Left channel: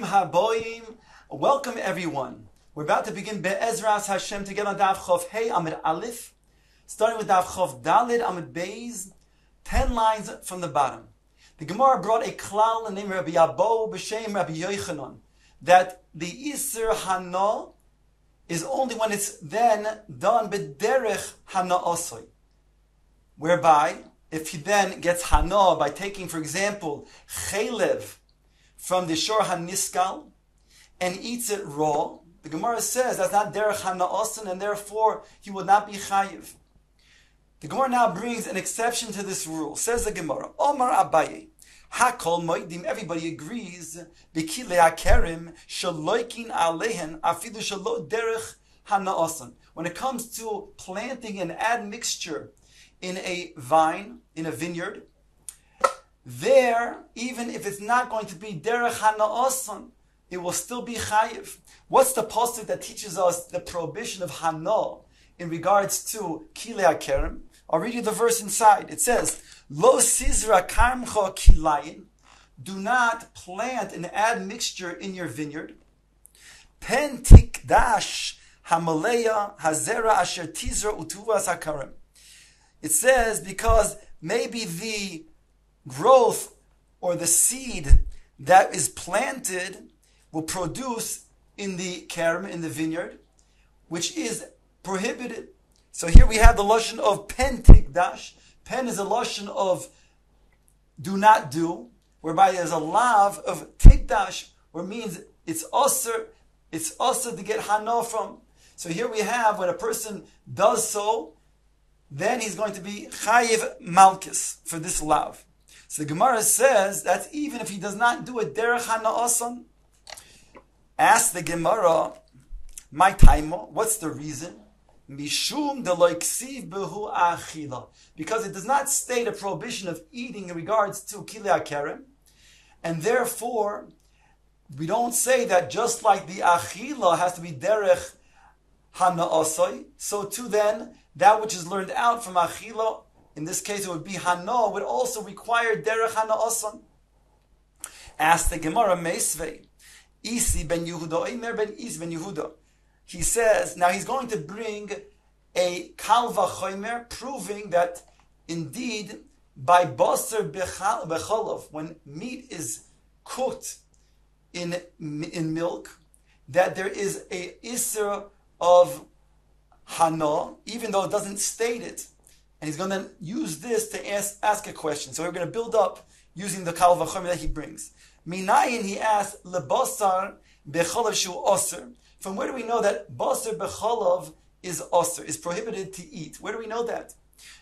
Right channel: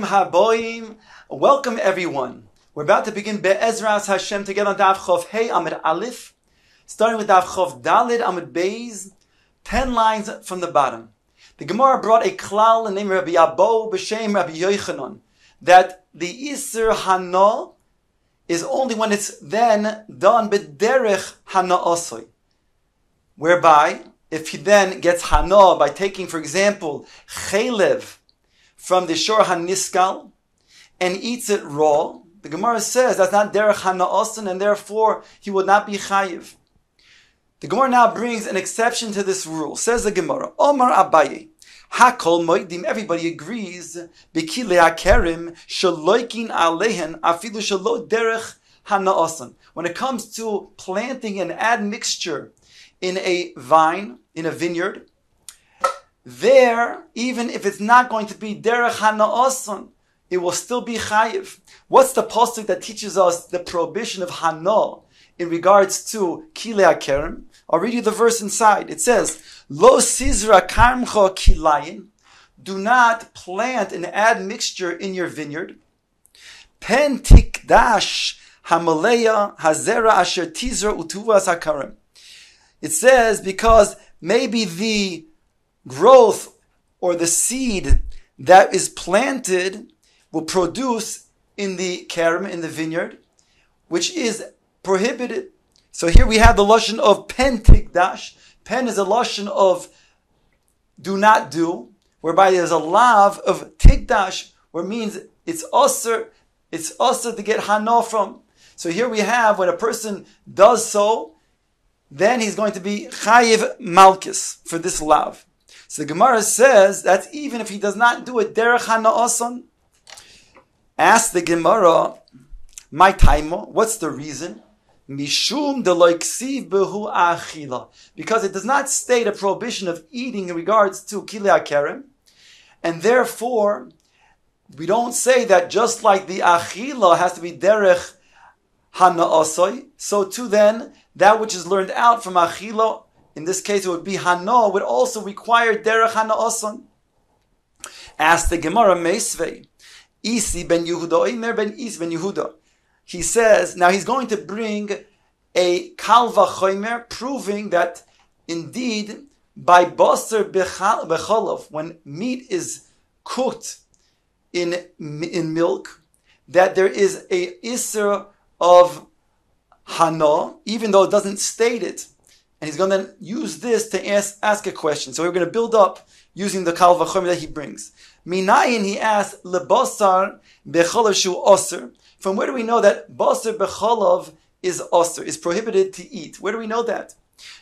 Bruchim haboim. Welcome everyone. We're about to begin Be'ezras Hashem together on Daf Chof Hey Amud Aleph, starting with Daf Chof Dalid Amud Beis, 10 lines from the bottom. The Gemara brought a klal named Rabbi Yabo b'shem Rabbi Yochanan that the Isser Hana is only when it's then done b'derech Hana Osoi, whereby if he then gets Hana by taking, for example, Chelev from the Shor HaNiskal and eats it raw, the Gemara says that's not derech Hana Osan, and therefore he would not be chayiv. The Gemara now brings an exception to this rule. Says the Gemara, Omar Abaye, Hakol Moedim, everybody agrees, B'kilei HaKerim, Shaloikin Alehen, Afilu Shalo derech Hana Osan. When it comes to planting an admixture in a vine, in a vineyard, there, even if it's not going to be derech Hana Osan, it will still be chayiv. What's the pasuk that teaches us the prohibition of Hana in regards to Kilei HaKerem? I'll read you the verse inside. It says, Lo sizra karmcha kilayin, do not plant an admixture in your vineyard. Pen tikdash hamaleya hazera asher tizra utuvas hakarem. It says because maybe the growth or the seed that is planted will produce in the kerem, in the vineyard, which is prohibited. So here we have the lashon of pen tikdash. Pen is a lashon of do not do, whereby there's a lav of tikdash, where it means it's usher to get hana from. So here we have when a person does so, then he's going to be chayiv malchus for this lav. So the Gemara says that's even if he does not do it derech hana osan. Ask the Gemara, my taimo, what's the reason? Mishum deloy ksiv behu achila, because it does not state a prohibition of eating in regards to kilei hakerem, and therefore we don't say that just like the achila has to be derech hana osoi, so too then that which is learned out from achila, in this case it would be hana, would also require derech hana osan. Ask the Gemara meisvei. Isi ben Yehuda, Omer ben Isi ben Yehuda. He says, now he's going to bring a kal vachomer, proving that indeed by baser becholov, when meat is cooked in milk, that there is a iser of hana, even though it doesn't state it. And he's going to use this to ask a question. So we're going to build up using the kal vachomer that he brings. Minayin, he asks, lebasar becholov shu oser. From where do we know that basar becholov is oser, is prohibited to eat? Where do we know that?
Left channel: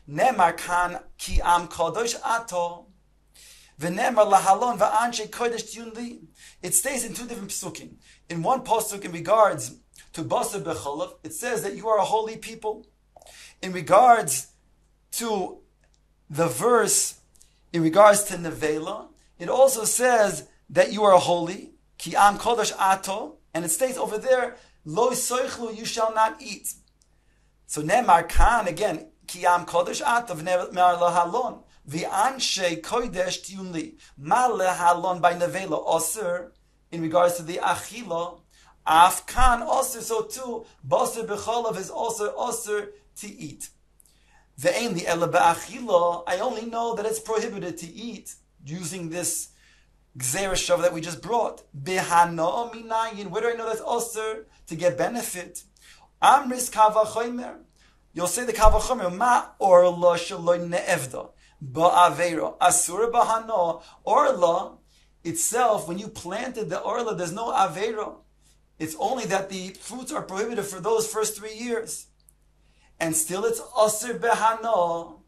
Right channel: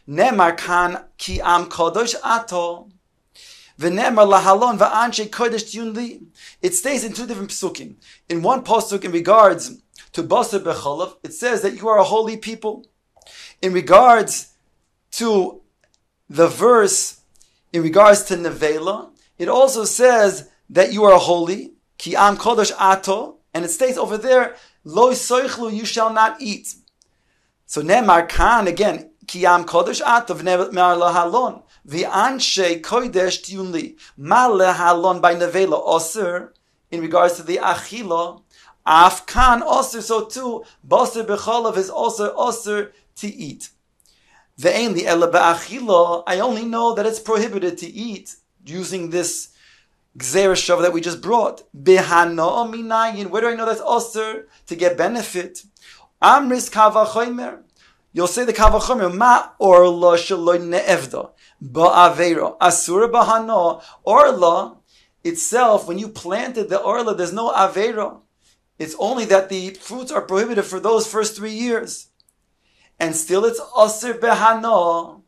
Nemar kan ki am kadosh ato, v'nemar lahalon va'anshe kodesh yunli. It stays in two different psukim. In one pasuk, in regards to basar becholov, it says that you are a holy people. In regards to the verse, in regards to nevela, it also says that you are holy, ki am kodesh ato, and it states over there, lo soichlu, you shall not eat. So nemar kan, again, ki am kodesh ato, v'nemar lahalon, v'anshe kodesh tiyunli, ma lahalon by nevela oser, in regards to the achila, af kan oser, so too, basar becholov is also oser to eat. Ve'en li ela ba'achila, I only know that it's prohibited to eat, using this gzeira shava that we just brought. Behana minayin. Where do I know that's osir to get benefit? Amris kavachomer. You'll say the kavachomer ma orla shaloy neevda ba'avera asura bahana. Orla itself, when you planted the orla, there's no avera. It's only that the fruits are prohibited for those first 3 years, and still it's osir behana.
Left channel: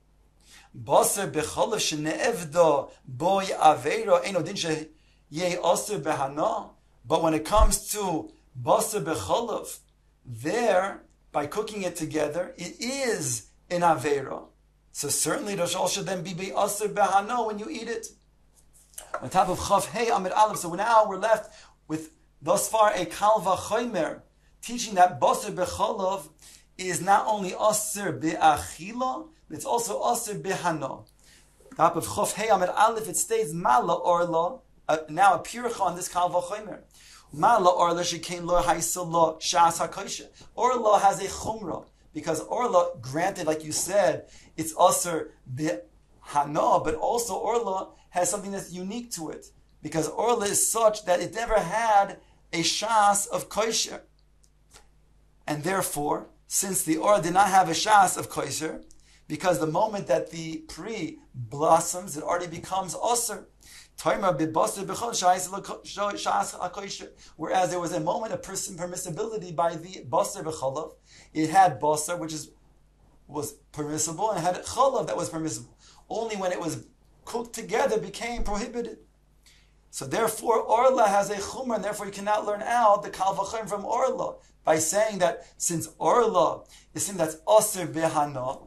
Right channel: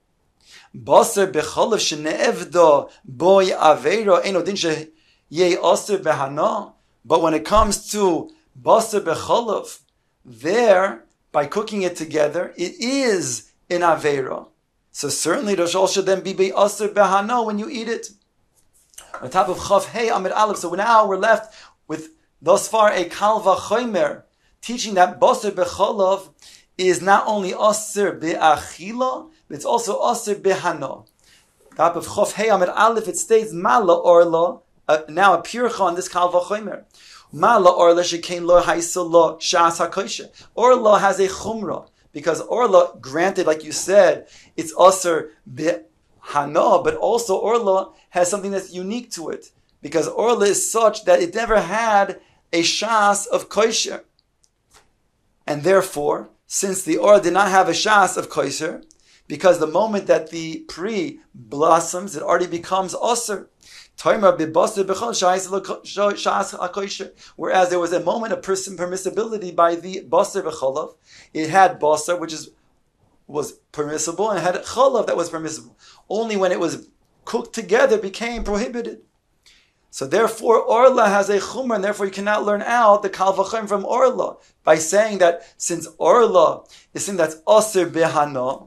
Basar becholov sheneevda boy aveiro eno din sheyeh aser behana. But when it comes to basar becholov, there by cooking it together, it is in aveiro. So certainly it should then be aser behana when you eat it. On top of Chav Hey Amud Aleph. So now we're left with thus far a kal vachomer teaching that basar becholov is not only aser be'achila, it's also aser behana. Top of Chof Hey Amud Aleph, it states mala orla now a pircha on this kal v'chomer. Mala orla shekain lo haisa lo shas hakoisha. Orla has a chumrah because orla, granted, like you said, it's aser b'hana, but also orla has something that's unique to it because orla is such that it never had a shas of kosher, and therefore, since the orla did not have a shas of kosher, because the moment that the pri blossoms, it already becomes aser. Whereas there was a moment of permissibility by the basar v'chalav. It had basar, which was permissible, and it had chalav that was permissible. Only when it was cooked together became prohibited. So therefore, orla has a chumrah, and therefore you cannot learn out the kal v'chomer from orla by saying that since orla is something that's aser behana,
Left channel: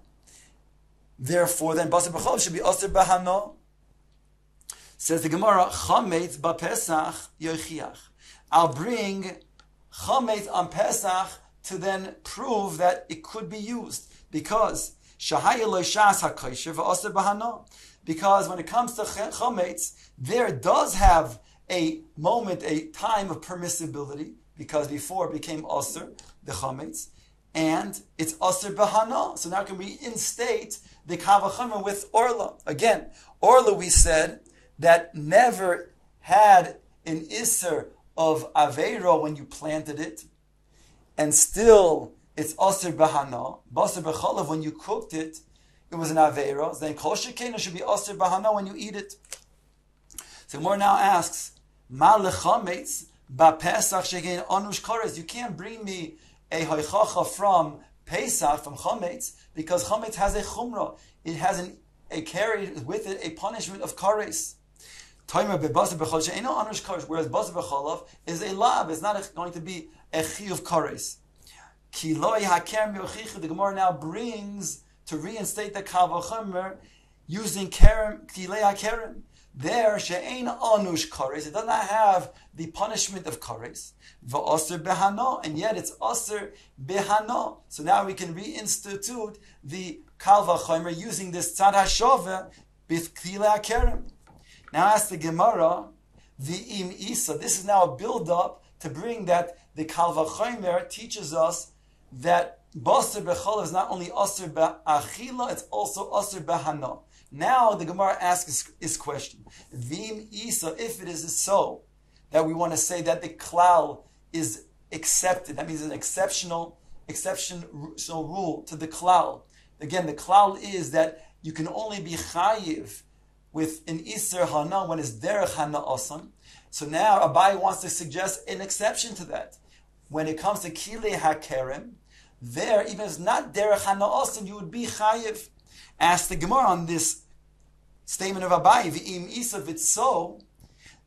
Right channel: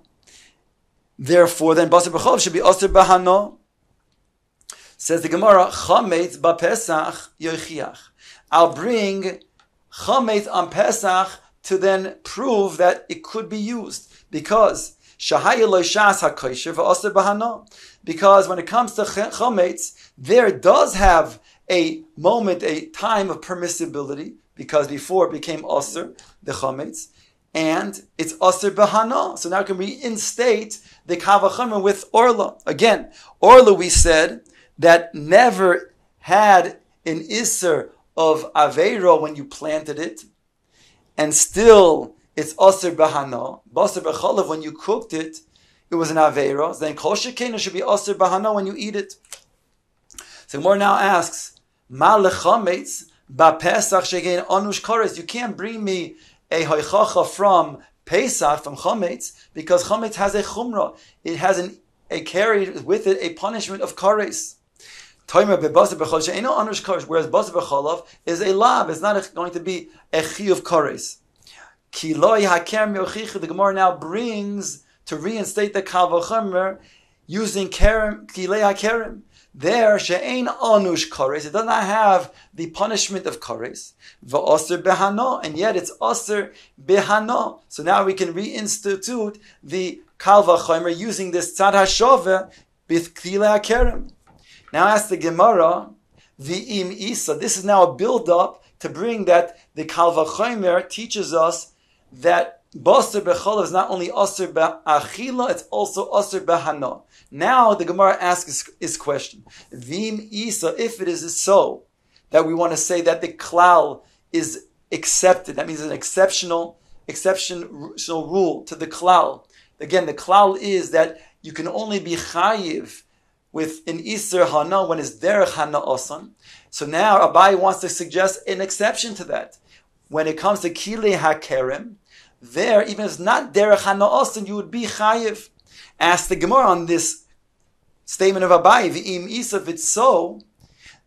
therefore then basar v'chalav should be aser behana. Says the Gemara, chametz b'Pesach yochiach. I'll bring chametz on Pesach to then prove that it could be used because shahaya lo shas hakosher v'aser b'hana. Because when it comes to chametz, there does have a moment, a time of permissibility because before it became aser the chametz, and it's aser b'hana. So now can we reinstate the kal v'chomer with orla again? Orla we said that never had an iser of aveiro when you planted it, and still it's aser bahana, basar b'chalav when you cooked it, it was an aveiro. Then kol shekena should be aser bahana when you eat it. So Gemara now asks, ma lechametz ba'Pesach shekein anush kares. You can't bring me a hoichacha from Pesach, from chametz, because chametz has a chumrah. It has a carried with it a punishment of kares. Whereas basar b'chalav is a lav, it's not going to be a chi of kares. The Gemara now brings to reinstate the kal v'chomer using kerem, kilei hakerem. There, she'ein anush kares, it does not have the punishment of kares. V'aser behana, and yet it's aser behana. So now we can reinstitute the kal v'chomer using this tzad hashove with kilei hakerem. Now ask the Gemara, v'im isa. This is now a build-up to bring that the kal v'chomer teaches us that basar b'chalav is not only aser b'achila, it's also aser b'hana. Now the Gemara asks his question. V'im isa, if it is so, that we want to say that the klal is accepted, that means an exceptional rule to the klal. Again, the klal is that you can only be chayiv with an Iser Hana when it's Derech Hana Osan. So now Abai wants to suggest an exception to that. When it comes to Kilei HaKerem, there, even if it's not Derech Hana Osan, you would be Chayiv. Ask the Gemara on this statement of Abai, V'im Isa, if it's so,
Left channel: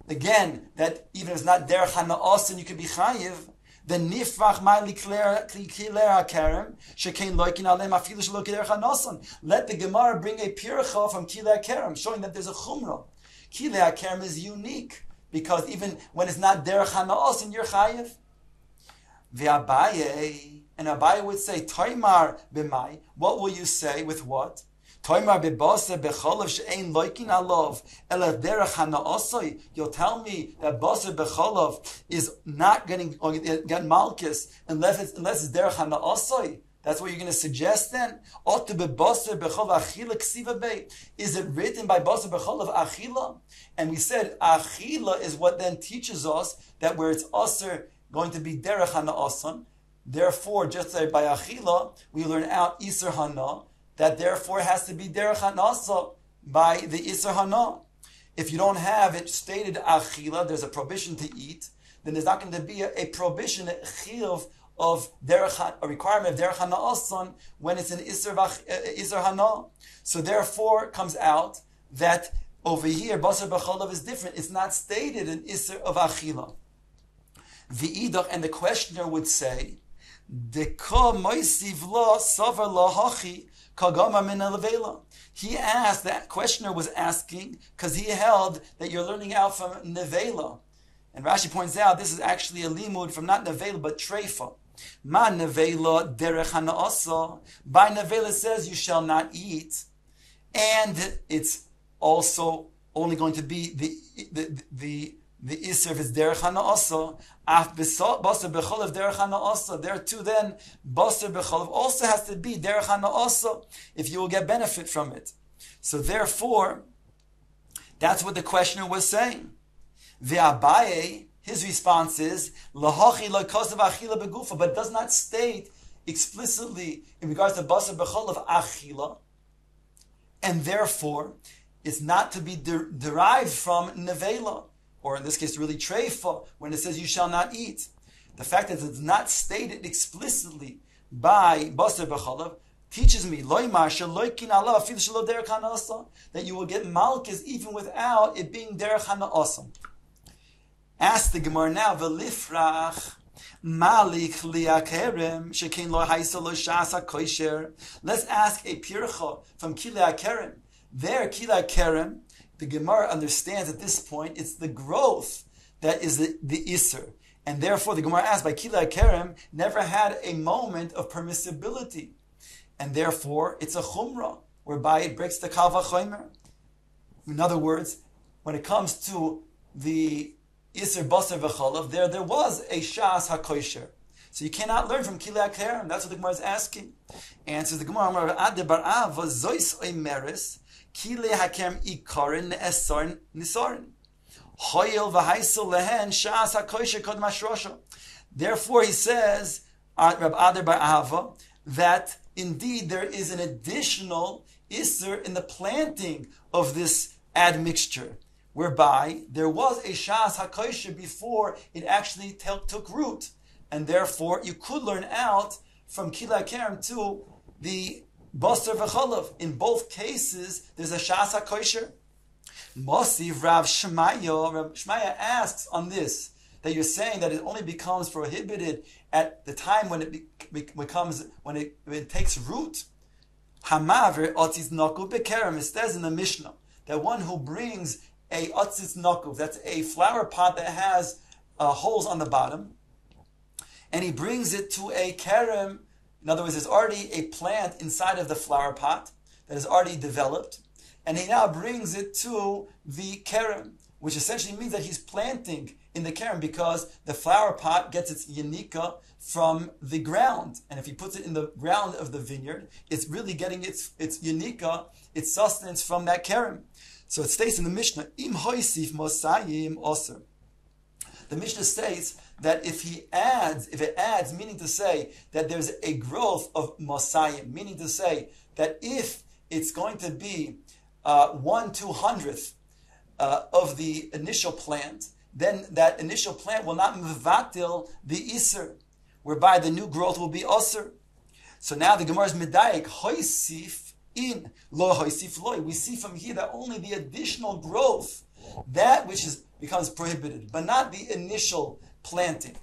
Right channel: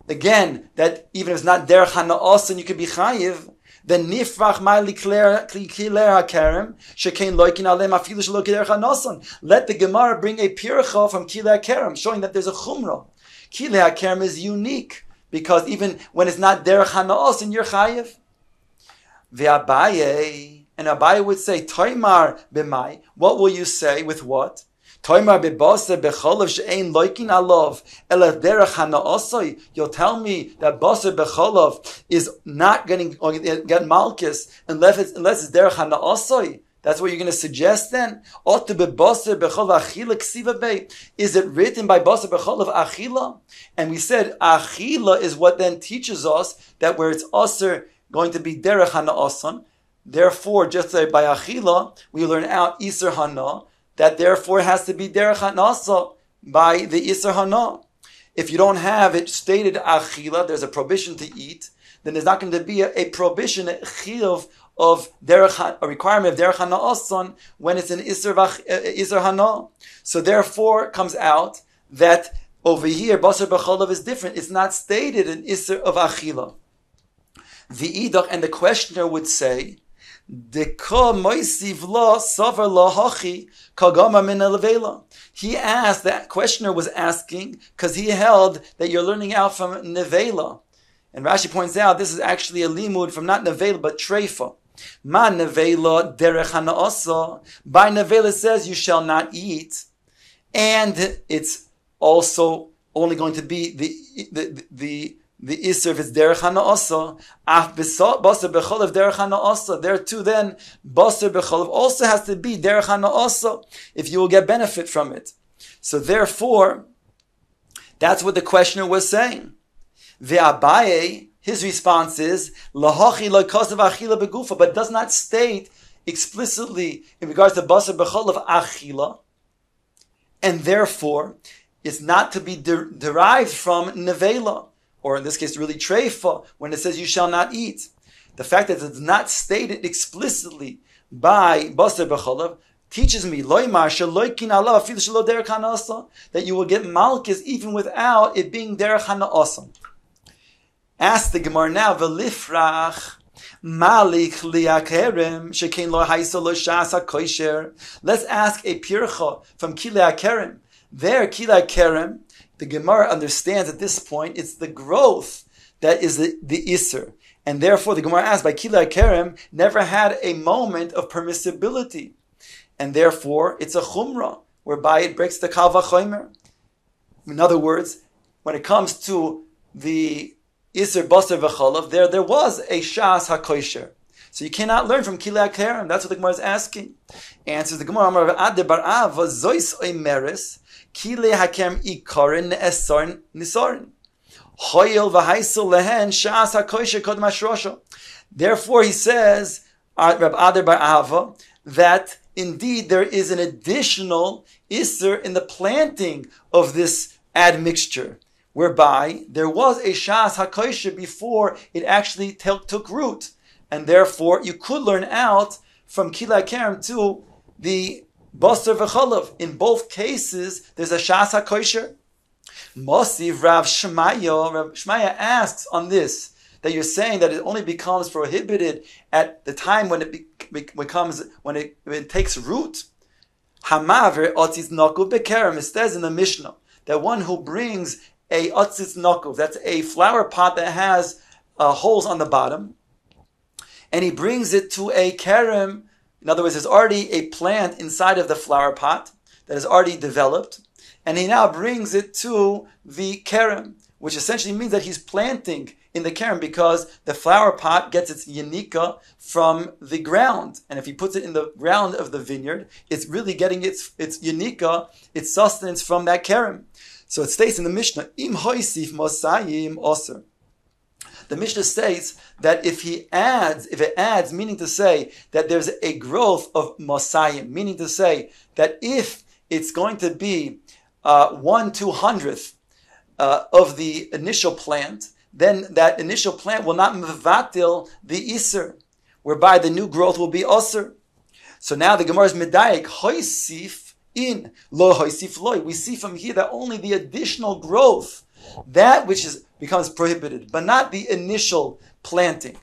again, that even if it's not Derech Hana Osan, you could be Chayiv, then nifrach ma'li kilei hakerem shekein loikin alem afilu shelo kiderech hanosan. Let the Gemara bring a pircha from kilei hakerem, showing that there's a chumrah. Kilei hakerem is unique because even when it's not derech hanosan, you're chayiv. Ve'abaye, and Abaye would say, Toimar b'mai. What will you say with what? Toimar b'basar b'chalav she'ein loikin alav ela derech hanaosoi. You'll tell me that basar b'chalav is not going to get malchus unless it's derech hanaosoi. That's what you're going to suggest then? Is it written by basar b'chalav achila? And we said achila is what then teaches us that where it's aser going to be derech hanaoson. Therefore, just like by achila, we learn out iser hana, that therefore has to be derech hanasa by the iser hana. If you don't have it stated achila, there's a prohibition to eat, then there's not going to be a prohibition, a chiyuv of derech, a requirement of derech hana'ason when it's an iser hana. So therefore, it comes out that over here, basar b'chalav is different. It's not stated an iser of achila. The idach, and the questioner would say, he asked, that questioner was asking because he held that you're learning out from nevela. And Rashi points out this is actually a limud from not nevela but treifa. Ma nevela derech hana'asa. By nevela it says you shall not eat. And it's also only going to be the Isser if it's Derech HaNa'asa. Af Basar B'cholav Derech HaNa'asa. There too then, Basar B'cholav also has to be Derech HaNa'asa if you will get benefit from it. So therefore, that's what the questioner was saying. Ve'abaye, his response is, Lahachi lo'kosav achila begufa, but does not state explicitly in regards to Basar B'cholav achila, and therefore, it's not to be derived from nevela, or in this case, really treifa, when it says you shall not eat. The fact that it's not stated explicitly by Basar B'cholav teaches me that you will get malchus even without it being derech hana'asa. Ask the Gemara now, v'lifrach malik liakerem shekein lo haisa lo shas hakoisher. Let's ask a pircha from kilei akerem. There, kilei akerem, the Gemara understands at this point it's the growth that is the iser, and therefore the Gemara asks by kilei akerem never had a moment of permissibility, and therefore it's a chumrah whereby it breaks the kal vachomer. In other words, when it comes to the Isser Basar V'cholav, there was a Shas HaKosher. So you cannot learn from Kilei HaKerem. That's what the Gemara is asking. Answers the Gemara, Amar Ade Bar Ava, Zois Oimeres, Kilei HaKerem Ikarin Ne'esarin Nisarin. Hoyel V'haisel Lehen Shas HaKosher Kod Mashrosha. Therefore he says, Rab Ade Bar Ava, that indeed there is an additional Isser in the planting of this admixture, whereby there was a Shas HaKosher before it actually took root. And therefore, you could learn out from Kilei HaKerem to the Basar V'cholav. In both cases, there's a Shas HaKosher. Mosiv Rav Shmaya. Rav Shmaya asks on this, that you're saying that it only becomes prohibited at the time when it takes root. Hamaver Otis Nakuv Bekerem. It says in the Mishnah that one who brings a otzitz nokov, that's a flower pot that has holes on the bottom, and he brings it to a kerem. In other words, there's already a plant inside of the flower pot that is already developed, and he now brings it to the kerem, which essentially means that he's planting in the kerem because the flower pot gets its yanika from the ground, and if he puts it in the ground of the vineyard, it's really getting its yanika, its sustenance from that kerem. So it states in the Mishnah, Im hoisif mosayim oser. The Mishnah states that if it adds, meaning to say that there's a growth of mosayim, meaning to say that if it's going to be 1/200th of the initial plant, then that initial plant will not mevatil the iser, whereby the new growth will be oser. So now the Gemara is medayik hoisif in lo hoisif loy. We see from here that only the additional growth, that which becomes prohibited, but not the initial planting.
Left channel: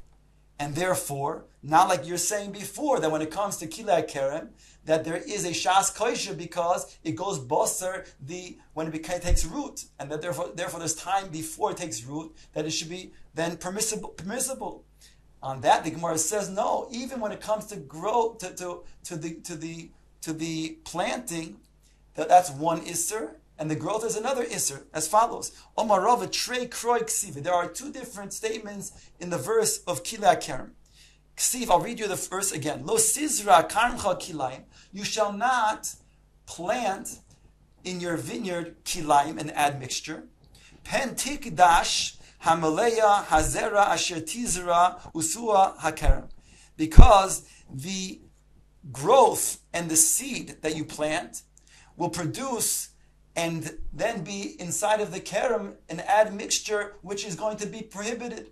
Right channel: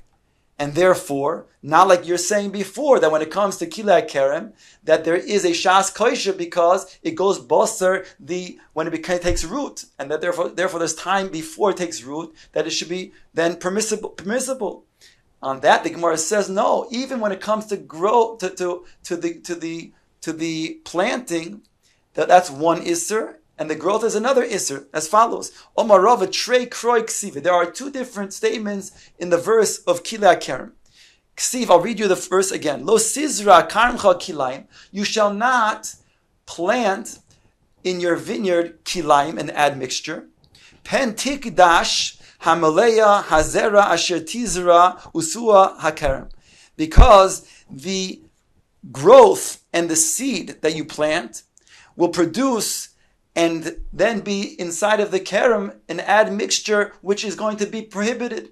And therefore, not like you're saying before, that when it comes to Kilei HaKerem, that there is a Shas Kosher because it goes Basar when it takes root, and that therefore there's time before it takes root that it should be then permissible. On that, the Gemara says no. Even when it comes to grow to the planting, that's one Isser, and the growth is another Isser, as follows. Omarava trei kroi ksiva. There are two different statements in the verse of Kilei HaKerem. Ksiv, I'll read you the verse again. Lo sizra karmcha kilayim. You shall not plant in your vineyard kilayim, an admixture. Pen tikdash hamaleya hazera asher tizra usua hakerem. Because the growth and the seed that you plant will produce and then be inside of the kerem an admixture which is going to be prohibited.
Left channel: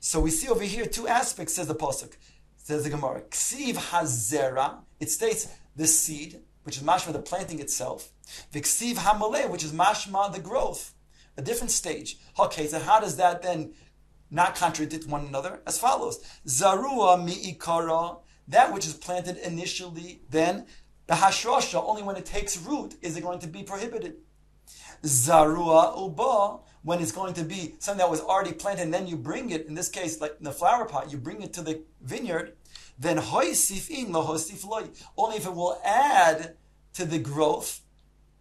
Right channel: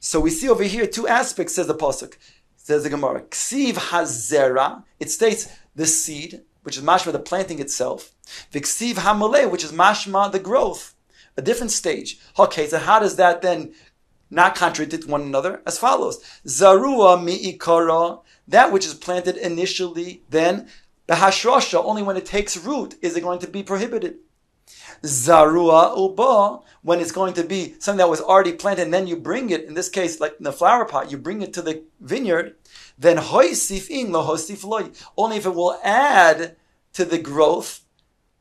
So we see over here two aspects, says the pasuk. Says the Gemara, ksiv hazera, it states the seed, which is mashma the planting itself, v'ksiv hamaleh, which is mashma the growth, a different stage. Okay, so how does that then not contradict one another? As follows: zarua mi'ikara, that which is planted initially, then Behashrosha, only when it takes root is it going to be prohibited. Zarua uba, when it's going to be something that was already planted and then you bring it, in this case, like in the flower pot, you bring it to the vineyard, then hoisif in lo hoisif loy, only if it will add to the growth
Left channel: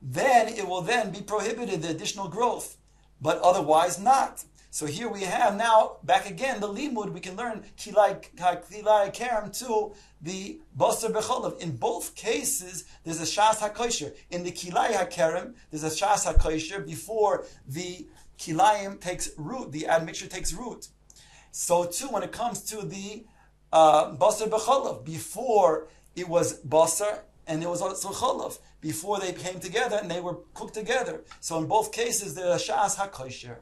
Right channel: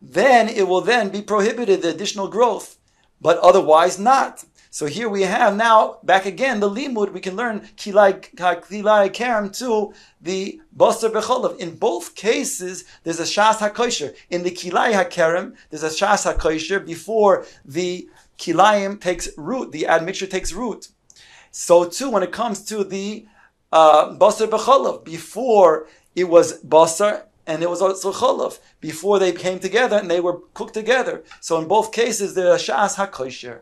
then it will then be prohibited, the additional growth, but otherwise not. So here we have now, back again, the limud, we can learn kilai kerem to the basar becholav. In both cases, there's a shas hakosher. In the kilai hakerem, there's a shas hakosher before the kilayim takes root, the admixture takes root. So too, when it comes to the basar becholav, before it was basar, and it was also cholav, before they came together and they were cooked together. So in both cases, there's a shas hakosher.